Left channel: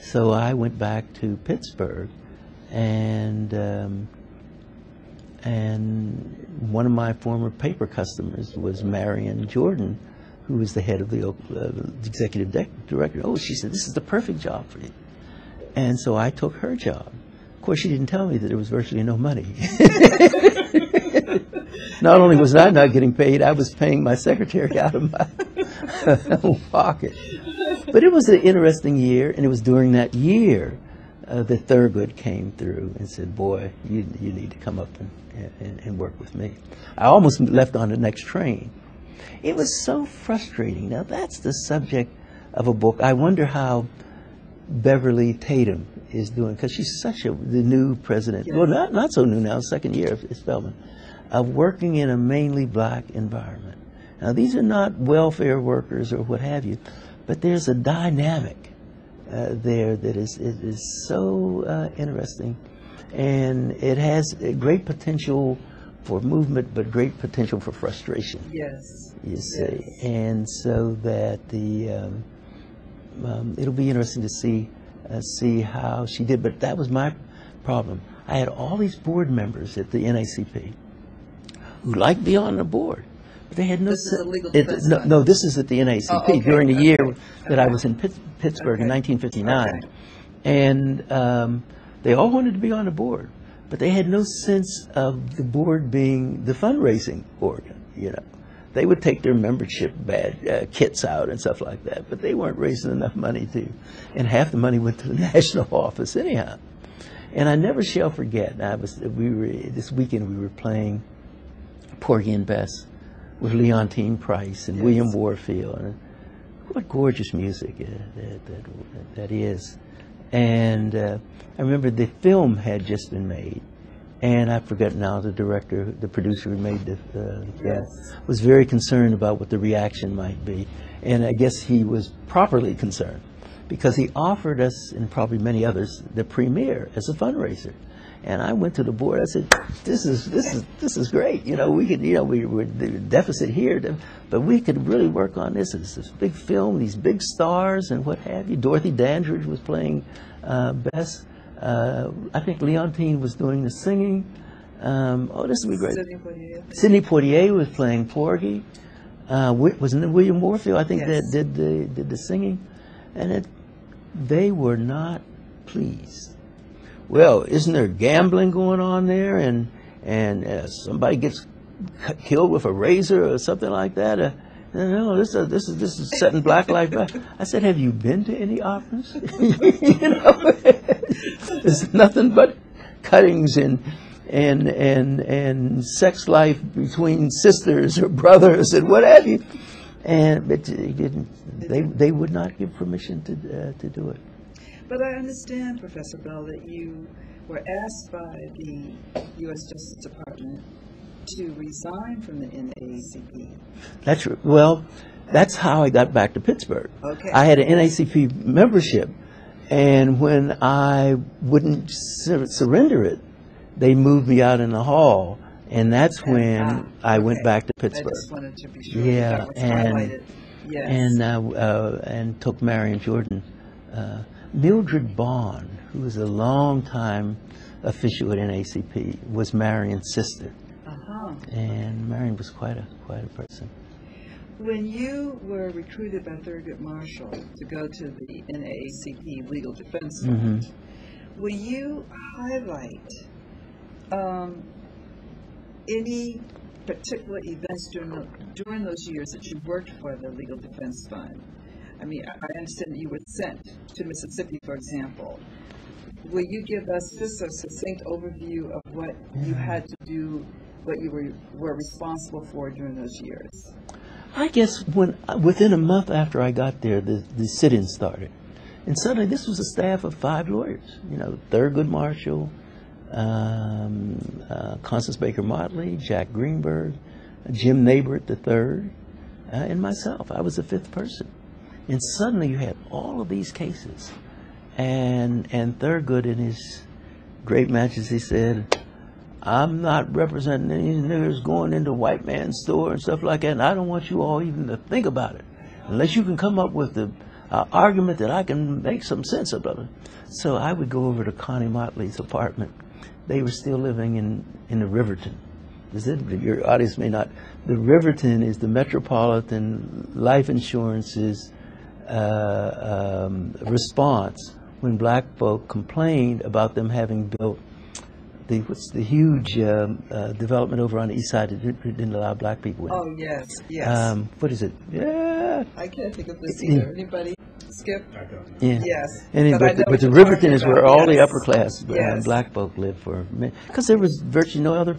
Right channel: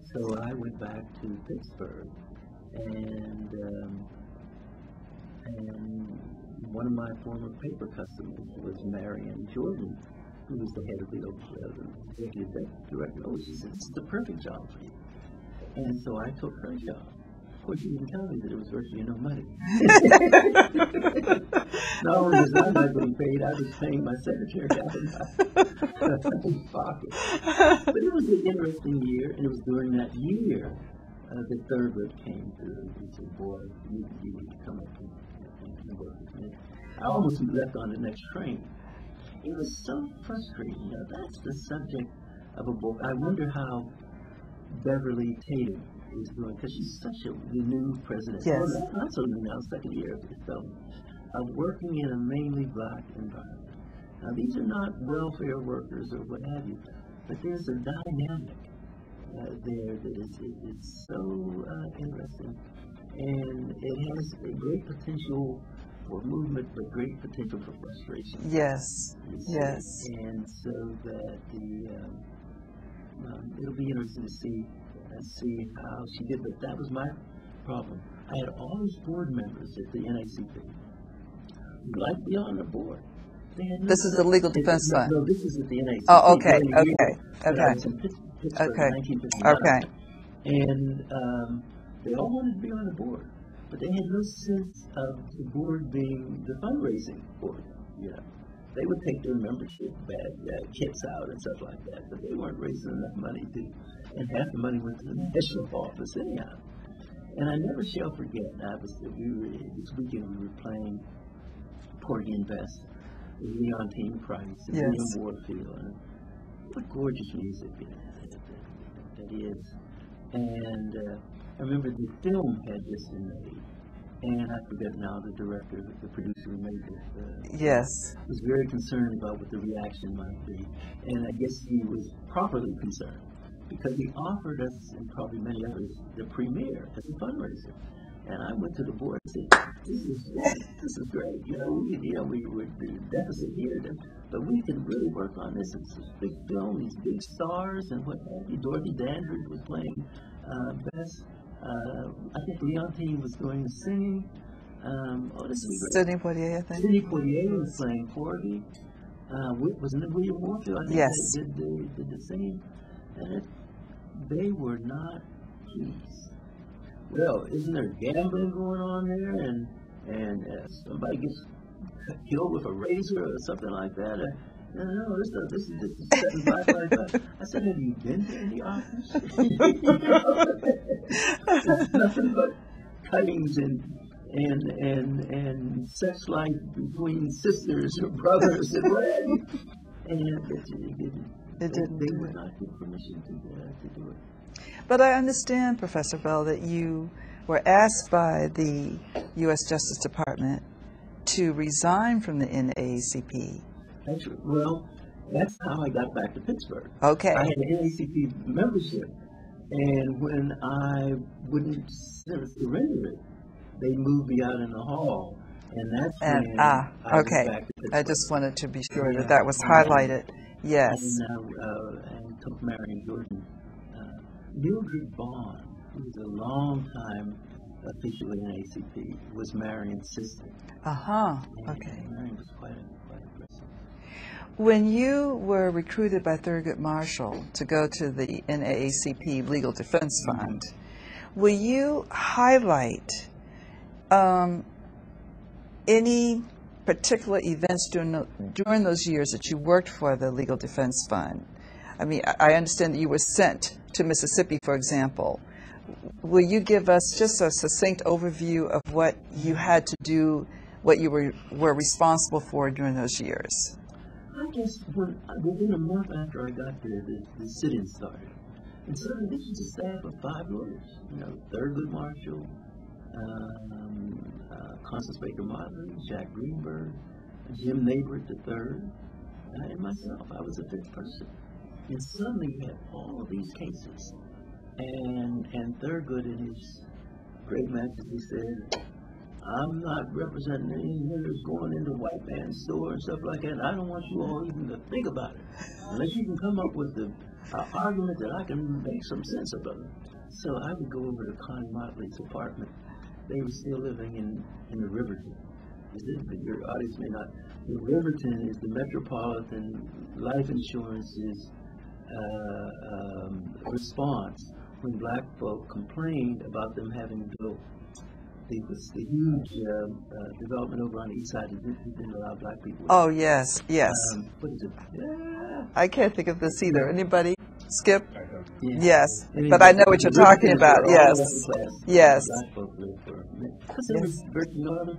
So I went back to Pittsburgh, and one of my former paper customers was Marion Jordan, who was the head of the executive director. Oh, she said, this is the perfect job for you. And so I took her job. Of course, she didn't tell me that there was virtually no money. Not only was I not getting paid, I was paying my secretary out of my own pocket. But it was an interesting year, and it was during that year that Thurgood came through and said, boy, you need to come up and work with me. I almost left on the next train. It was so frustrating. Now, that's the subject of a book. I wonder how Beverly Tatum is doing, because she's the new president. Yes. Well, not so new now, second year of Spelman, of working in a mainly black environment. Now, these are not welfare workers or what have you, but there's a dynamic there that is so interesting, and it has a great potential for movement, but great potential for frustration. Yes. You see, yes. And so that it'll be interesting to see how she did. But that was my problem. I had all these board members at the NAACP who liked to be on the board. But they had no. This is the legal defense fund. No, this is at the NAACP during the year that I was in Pittsburgh in 1959. Okay. And they all wanted to be on the board, but they had no sense of the board being the fundraising organ. You know, they would take their membership kits out and stuff like that, but they weren't raising enough money to, and half the money went to the national office anyhow. And I never shall forget. This weekend we were playing Porgy and Bess with Leontine Price and yes. William Warfield. And what gorgeous music that is. And I remember the film had just been made, and I forget now the director, the producer who made the yes. film, was very concerned about what the reaction might be. And I guess he was properly concerned, because he offered us, and probably many others, the premiere as a fundraiser. And I went to the board. I said, "This is great. You know, we could. You know, we're deficit here, but we could really work on this. It's this big film, these big stars, and what have you. Dorothy Dandridge was playing Bess. I think Leontine was doing the singing. This would be great. Sidney Poitier, I think. Sidney Poitier was playing Porgy. Wasn't it William Warfield? I think yes. that did the singing, and they were not pleased. Well, isn't there gambling going on there, and somebody gets killed with a razor or something like that? No, this is set in black light. I said, have you been to any operas? You know, there's nothing but cuttings and sex life between sisters or brothers and what have you. But they would not give permission to do it. But I understand, Professor Bell, that you were asked by the U.S. Justice Department to resign from the NAACP. That's right. Well, that's how I got back to Pittsburgh. Okay. I had an NAACP membership, and when I wouldn't surrender it, they moved me out in the hall, and that's when I went back to Pittsburgh. I just wanted to be sure that was highlighted. Yes. And took Marion Jordan. Mildred Bond, who was a long-time official at NAACP, was Marion's sister. And Marion was quite a person. When you were recruited by Thurgood Marshall to go to the NAACP Legal Defense Fund, mm-hmm. will you highlight any particular events during those years that you worked for the Legal Defense Fund? I mean, I understand that you were sent to Mississippi, for example. Will you give us just a succinct overview of what you had to do, what you were responsible for during those years? I guess within a month after I got there, the sit-in started. And suddenly this was a staff of 5 lawyers. You know, Thurgood Marshall, Constance Baker Motley, Jack Greenberg, Jim Nabert III, and myself. I was the 5th person. And suddenly you had all of these cases. And Thurgood, in his great majesty, said, I'm not representing any niggers going into white man's store and stuff like that, and I don't want you all even to think about it. Unless you can come up with argument that I can make some sense of it. So I would go over to Connie Motley's apartment. They were still living in the Riverton. Your audience may not. The Riverton is the Metropolitan Life Insurance's response when black folk complained about them having built the huge development over on the east side that didn't allow black people in. Oh, yes, yes. What is it? Yeah. I can't think of this either. Anybody? Skip? Yeah. Yes. And but I know what the you're Riverton talking is about. where all Yes. the upper class Yes. black folk lived because there was virtually no other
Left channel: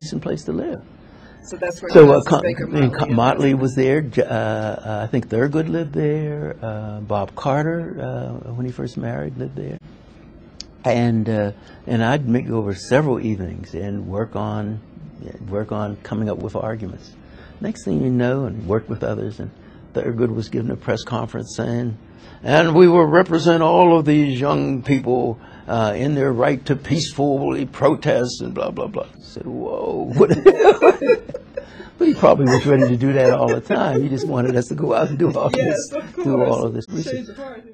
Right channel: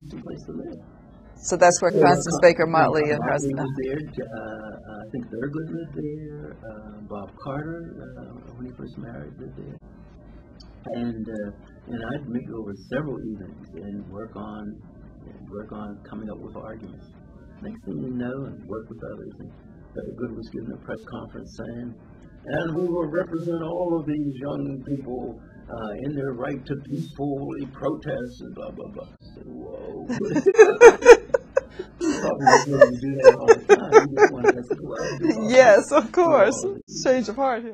decent place to live. So that's where So Constance Baker Motley. Motley was there. I think Thurgood lived there. Bob Carter, when he first married, lived there. And I'd make over several evenings and work on coming up with arguments. Next thing you know, and work with others. And Thurgood was giving a press conference saying, "And we will represent all of these young people in their right to peacefully protest," and blah blah blah. I said, "Whoa." But he probably was ready to do that all the time. He just wanted us to go out and do all Yes, this, of course. do all of this research. Change of heart here.